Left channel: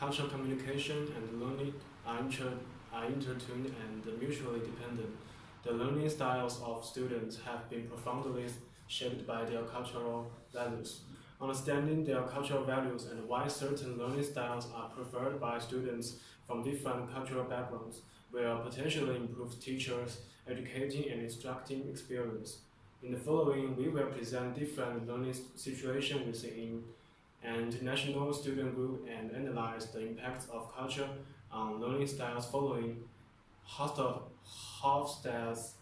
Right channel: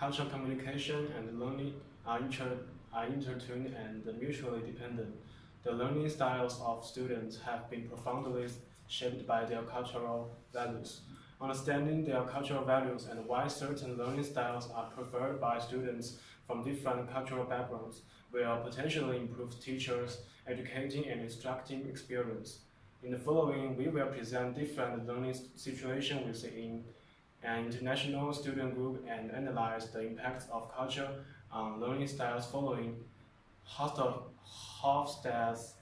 cultural communication and learning are intertwined and mutually dependent. The learning styles of students have been profoundly shaped by their cultural values. Understanding their cultural values and why certain learning styles are preferred by students from different cultural backgrounds will potentially improve teachers' educating and instructing experience. In the following, we will present different learning situations within an international student group and analyze the impacts of culture on learning styles following Hofstede's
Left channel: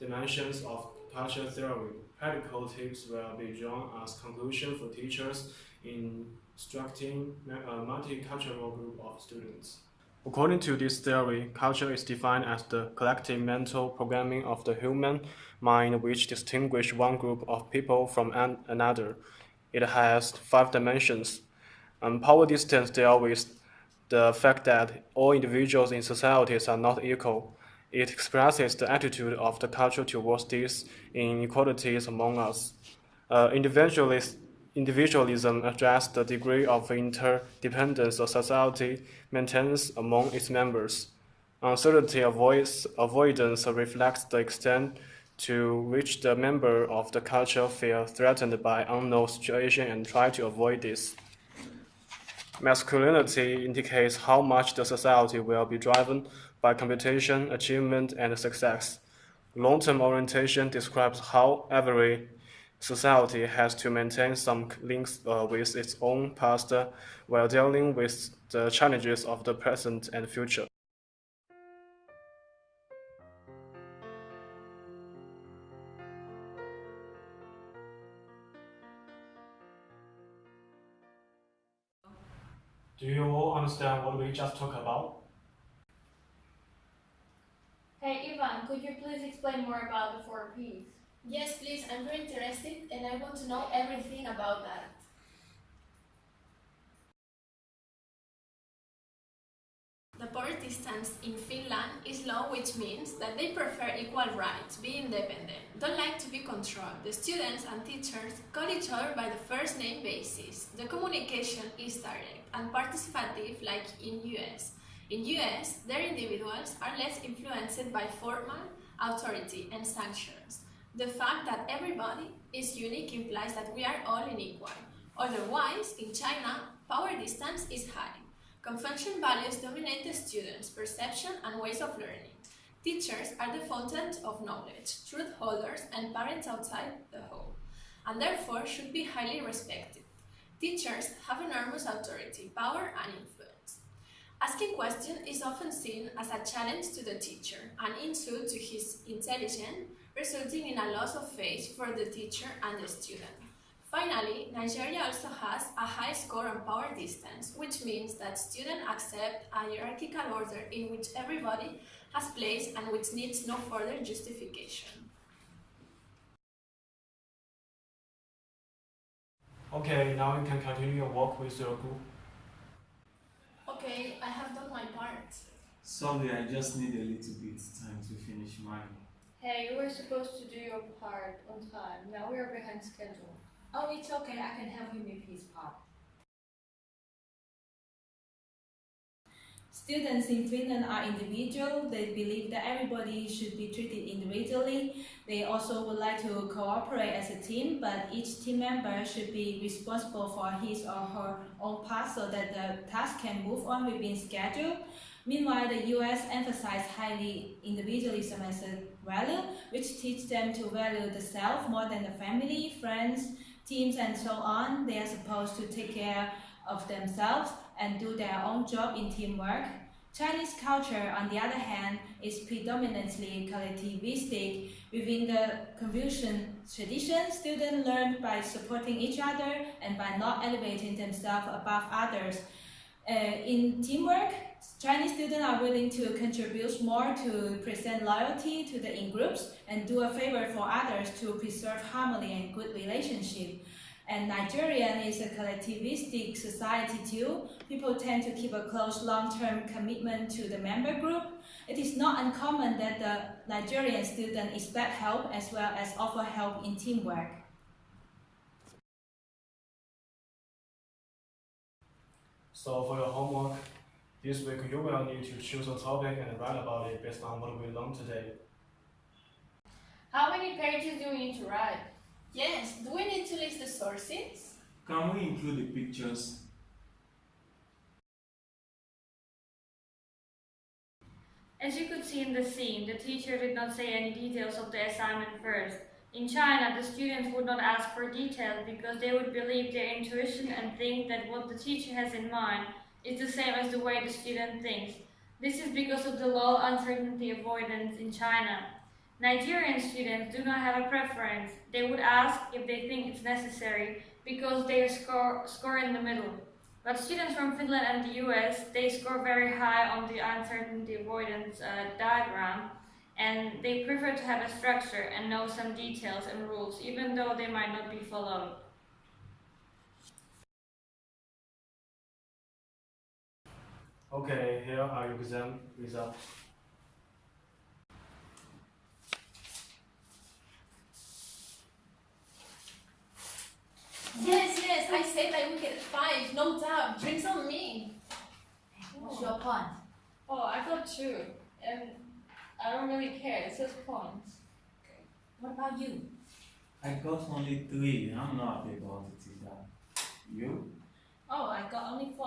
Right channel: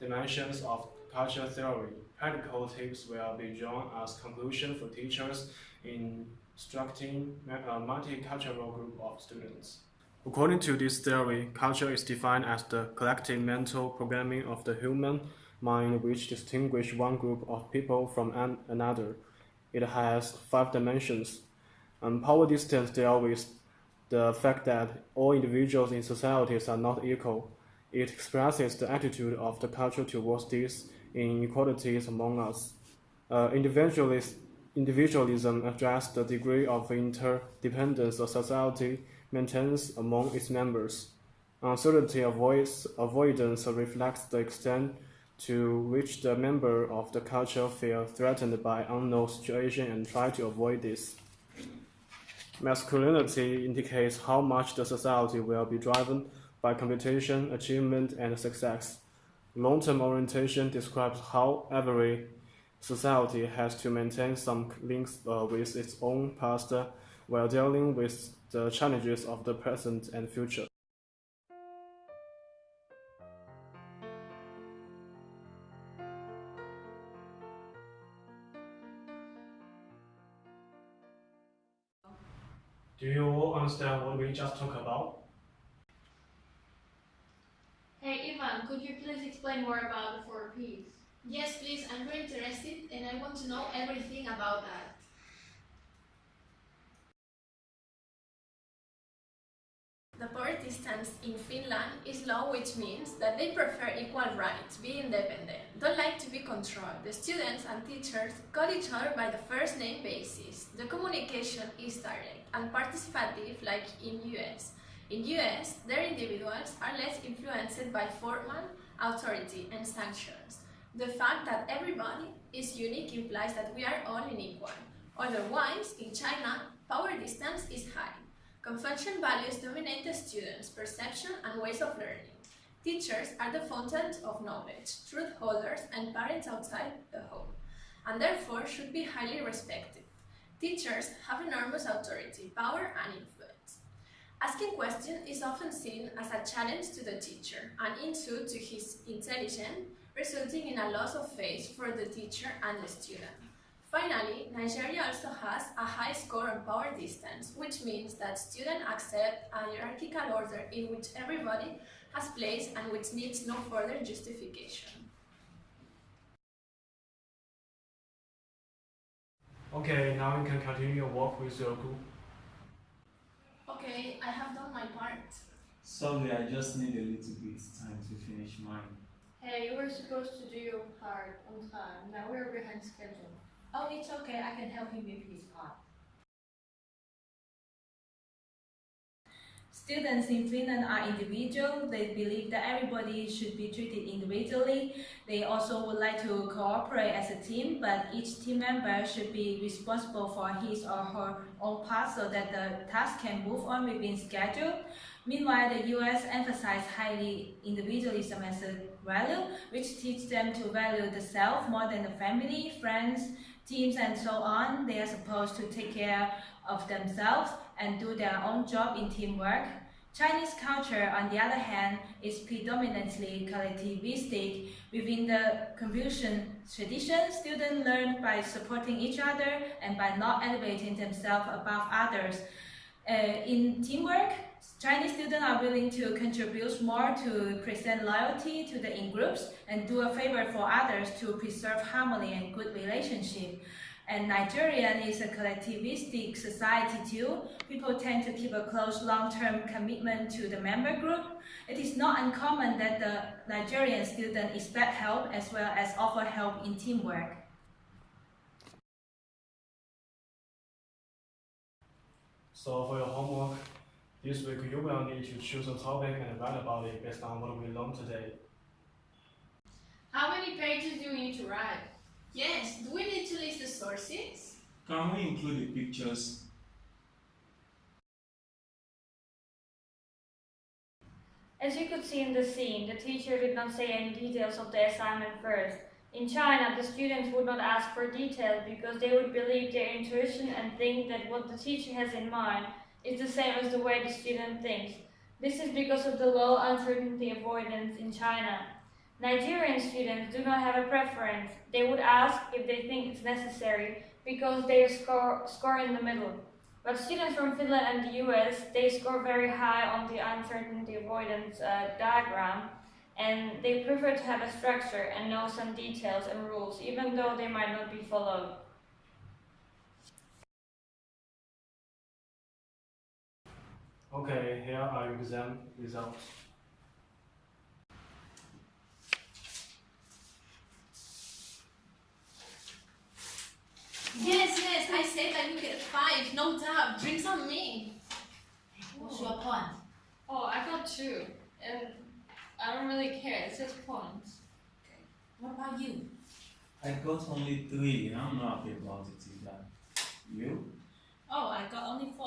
dimensions of culture theory. Practical tips will be drawn as conclusion for teachers instructing a multicultural group of students. According to this theory, culture is defined as the collective mental programming of the human mind which distinguishes one group of people from another. It has 5 dimensions. Power distance deals with the fact that all individuals in societies are not equal. It expresses the attitude of the culture towards these inequalities among us. Individualism addresses the degree of interdependence a society maintains among its members. Uncertainty avoidance reflects the extent to which the member of the culture feel threatened by unknown situation and try to avoid this. Masculinity indicates how much the society will be driven by competition, achievement, and success. Long-term orientation describes how every society has to maintain some links with its own past while dealing with the challenges of the present and future. Do you all understand what we just talked about? Hey Ivan, could you please explain more about the 4Ps? Yes, please, I'm very interested and I want to know everything about that. The power distance in Finland is low, which means that they prefer equal rights, be independent, don't like to be controlled. The students and teachers call each other by the first name basis. The communication is direct and participative like in US. In US, their individuals are less influenced by formal authority and sanctions. The fact that everybody is unique implies that we are all unequal. Otherwise, in China, power distance is high. Convention values dominate the students' perception and ways of learning. Teachers are the fountain of knowledge, truth holders, and parents outside the home, and therefore should be highly respected. Teachers have enormous authority, power, and influence. Asking questions is often seen as a challenge to the teacher, an insult to his intelligence, resulting in a loss of faith for the teacher and the student. Finally, Nigeria also has a high score on power distance, which means that students accept a hierarchical order in which everybody has place and which needs no further justification. Okay, now you can continue your work with your group. Okay, I have done my part. Sorry, I just need a little bit time to finish mine. Hey, you were supposed to do your part on time. Now we are behind schedule. Oh, it's okay, I can help him with his part. Students in Finland are individual. They believe that everybody should be treated individually. They also would like to cooperate as a team, but each team member should be responsible for his or her own part so that the task can move on within schedule. Meanwhile, the US emphasizes highly individualism as a value, which teaches them to value the self more than the family, friends, teams, and so on. They are supposed to take care of themselves and do their own job in teamwork. Chinese culture, on the other hand, is predominantly collectivistic. Within the Confucian tradition, students learn by supporting each other and by not elevating themselves above others. In teamwork, Chinese students are willing to contribute more to present loyalty to the in-groups and do a favor for others to preserve harmony and good relationship. And Nigerian is a collectivistic society too. People tend to keep a close long-term commitment to the member group. It is not uncommon that the Nigerian student expect help as well as offer help in teamwork. So for your homework, this week you will need to choose a topic and write about it based on what we learned today. How many pages do we need to write? Yes, do we need to list the sources? Can we include the pictures? As you could see in the scene, the teacher did not say any details of the assignment first. In China, the students would not ask for details because they would believe their intuition and think that what the teacher has in mind is the same as the way the student thinks. This is because of the low uncertainty avoidance in China. Nigerian students do not have a preference. They would ask if they think it's necessary because they score in the middle. But students from Finland and the US, they score very high on the uncertainty avoidance diagram, and they prefer to have a structure and know some details and rules, even though they might not be followed. Okay, here are your exam results. Yes, I said I will get 5, no doubt. Drinks on me. What's your point? Oh, I got 2, and I don't really care, it's just points. What about you? I got only 3. I'm not happy about it either. You? Oh, I got only 4.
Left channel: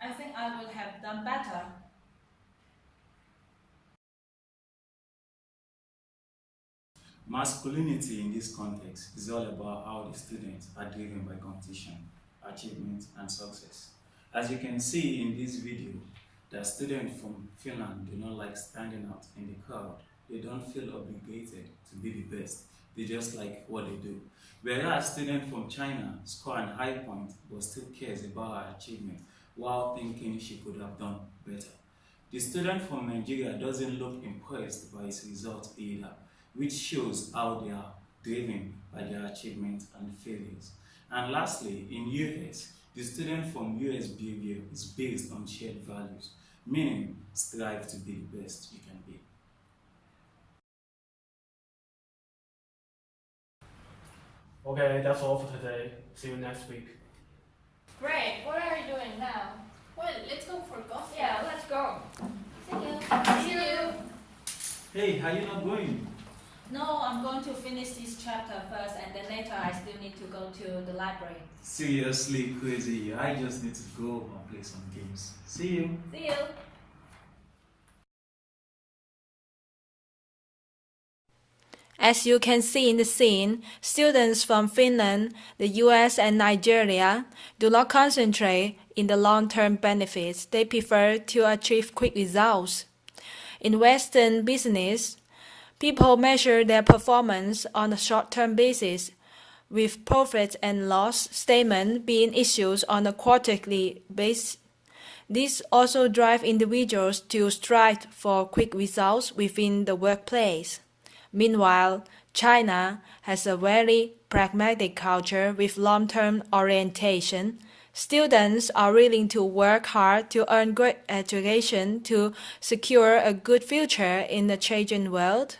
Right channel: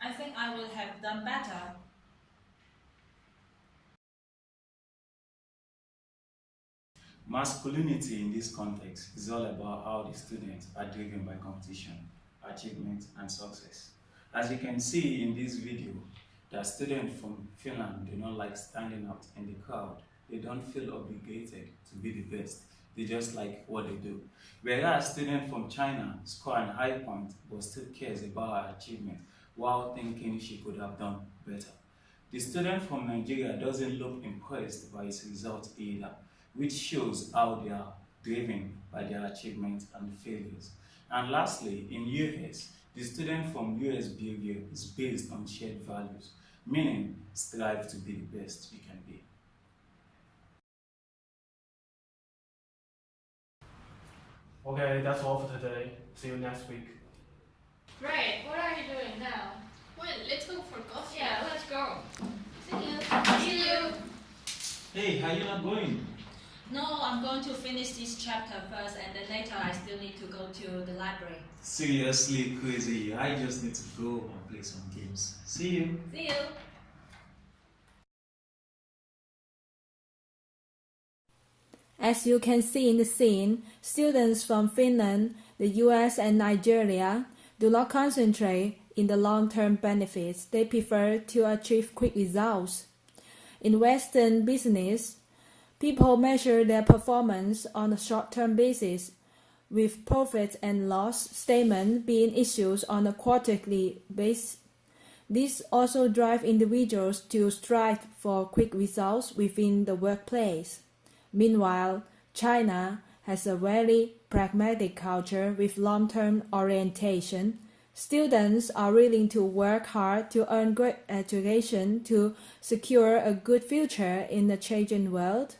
I think I would have done better. Masculinity in this context is all about how the students are driven by competition, achievement, and success. As you can see in this video, the students from Finland do not like standing out in the crowd. They don't feel obligated to be the best. They just like what they do. Whereas students from China score an high point but still cares about her achievement while thinking she could have done better. The student from Nigeria doesn't look impressed by his result either, which shows how they are driven by their achievements and failures. And lastly, in US, the student from US behavior is based on shared values, meaning strive to be the best you can be. Okay, that's all for today. See you next week. Great, what are you doing now? Well, let's go for coffee. Yeah, let's go. See you. Hey, how you not going? No, I'm going to finish this chapter first, and then later I still need to go to the library. Seriously, crazy. I just need to go and play some games. See you. See you! As you can see in the scene, students from Finland, the US, and Nigeria do not concentrate in the long-term benefits. They prefer to achieve quick results. In Western business, people measure their performance on a short-term basis, with profit and loss statement being issued on a quarterly basis. This also drives individuals to strive for quick results within the workplace. Meanwhile, China has a very pragmatic culture with long-term orientation. Students are willing to work hard to earn great education to secure a good future in the changing world.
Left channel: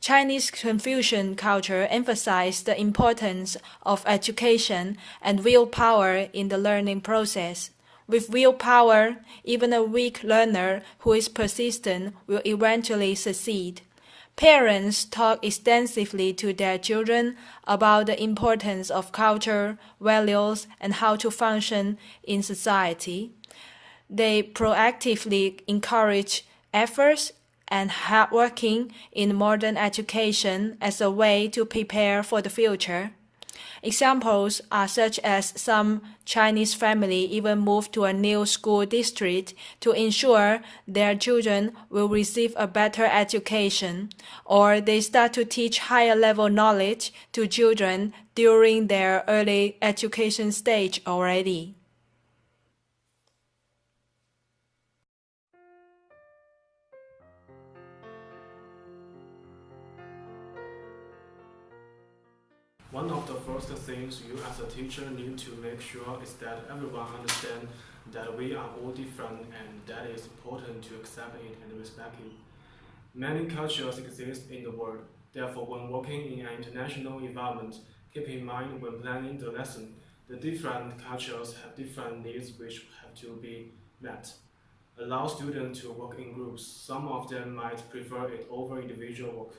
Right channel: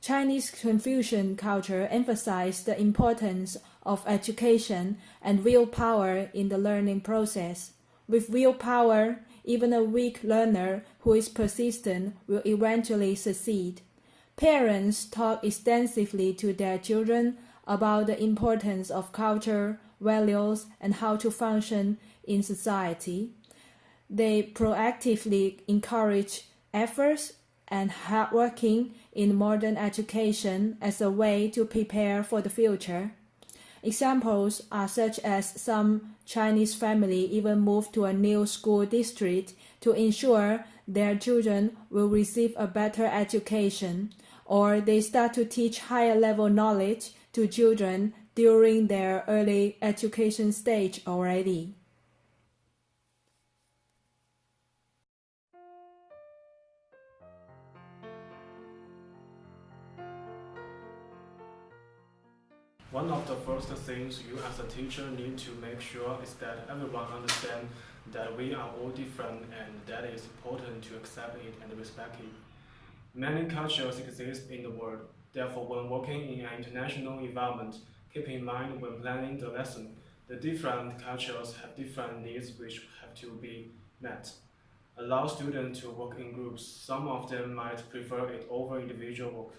Chinese Confucian culture emphasizes the importance of education and willpower in the learning process. With willpower, even a weak learner who is persistent will eventually succeed. Parents talk extensively to their children about the importance of culture, values, and how to function in society. They proactively encourage efforts and hard working in modern education as a way to prepare for the future. Examples are such as some Chinese families even move to a new school district to ensure their children will receive a better education, or they start to teach higher level knowledge to children during their early education stage already. One of the first things you as a teacher need to make sure is that everyone understands that we are all different and that it is important to accept it and respect it. Many cultures exist in the world, therefore when working in an international environment, keep in mind when planning the lesson The different cultures have different needs which have to be met. Allow students to work in groups. Some of them might prefer it over individual work.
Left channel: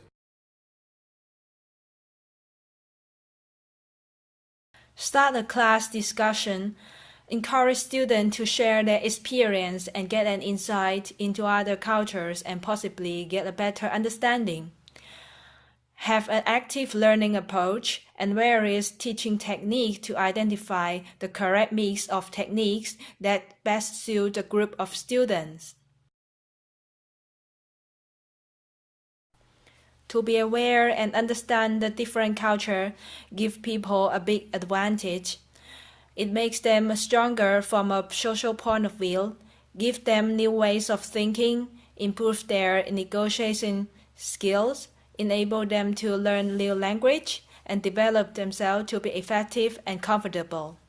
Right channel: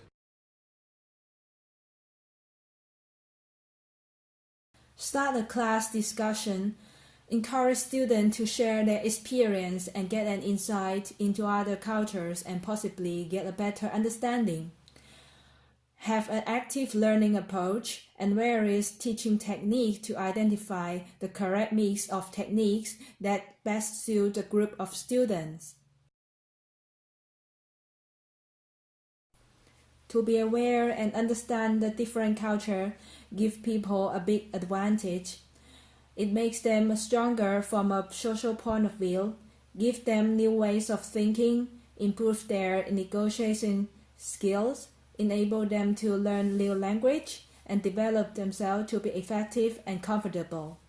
Start a class discussion. Encourage students to share their experience and get an insight into other cultures and possibly get a better understanding. Have an active learning approach and various teaching techniques to identify the correct mix of techniques that best suit a group of students. To be aware and understand the different culture gives people a big advantage. It makes them stronger from a social point of view, gives them new ways of thinking, improve their negotiation skills, enable them to learn new language, and develop themselves to be effective and comfortable.